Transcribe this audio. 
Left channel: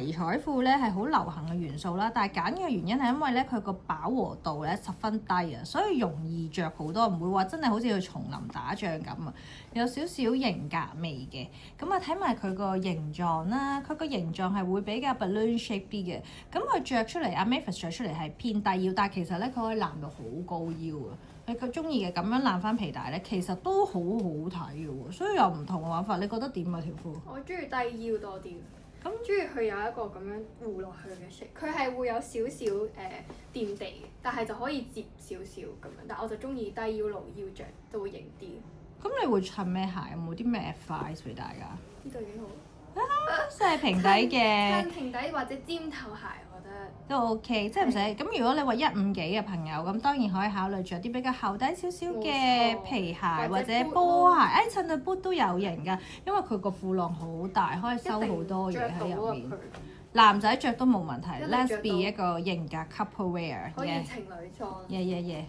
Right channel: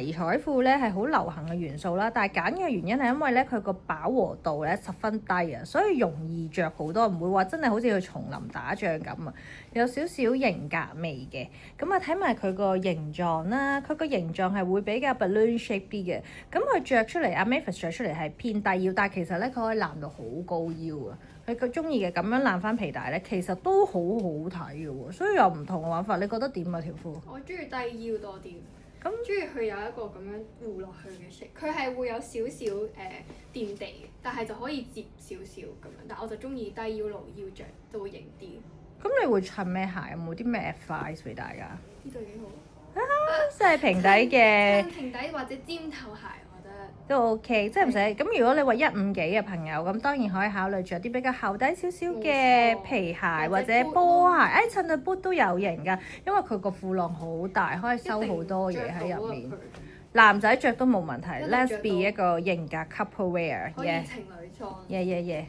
迷彩褲咧係好流行嘅元素啦，但係揀嘅原因係因為咧佢個飽和度咧十分低啊，所以容易着好多，唔會話真係好似去叢林打仗咁啊，有少少型格味嘅。咁啊睇埋佢個形狀啦，佢個形狀係會比較 balloon shape 啲嘅，咁佢着出嚟阿 Mavis 着出嚟係偏低腰，但係其實咧佢可以攬到好高腰啊。佢中意嘅咁樣攬翻皮帶咧，其實都好好睇嘅喎，所以有唔同嘅玩法。你覺得點啊條褲？我中意低腰多啲，咁中意佢有一個咁樣護落去嘅色，佢係會有少少墊地嘅，但係就可以摺少少咁樣。但我就中意低腰露腰着，就會型啲。咁你會襯咩鞋？有冇啲咩 advice 俾大家？呢對幾好。即係平底嘅。襯平底或者尖頭鞋，我覺得都 OK，即係唔使咁。如果你話1.5幾嘅朋友，咁當然可以考慮着啲比較厚底少少嘅皮鞋或者波鞋。襯對 boot 都有型㗎，因為佢個褲浪好大，可以收好多嘢喺入面。男仔着都冇問題。Let's be 一個型格 couple wear。可以情侶裝。Yeah.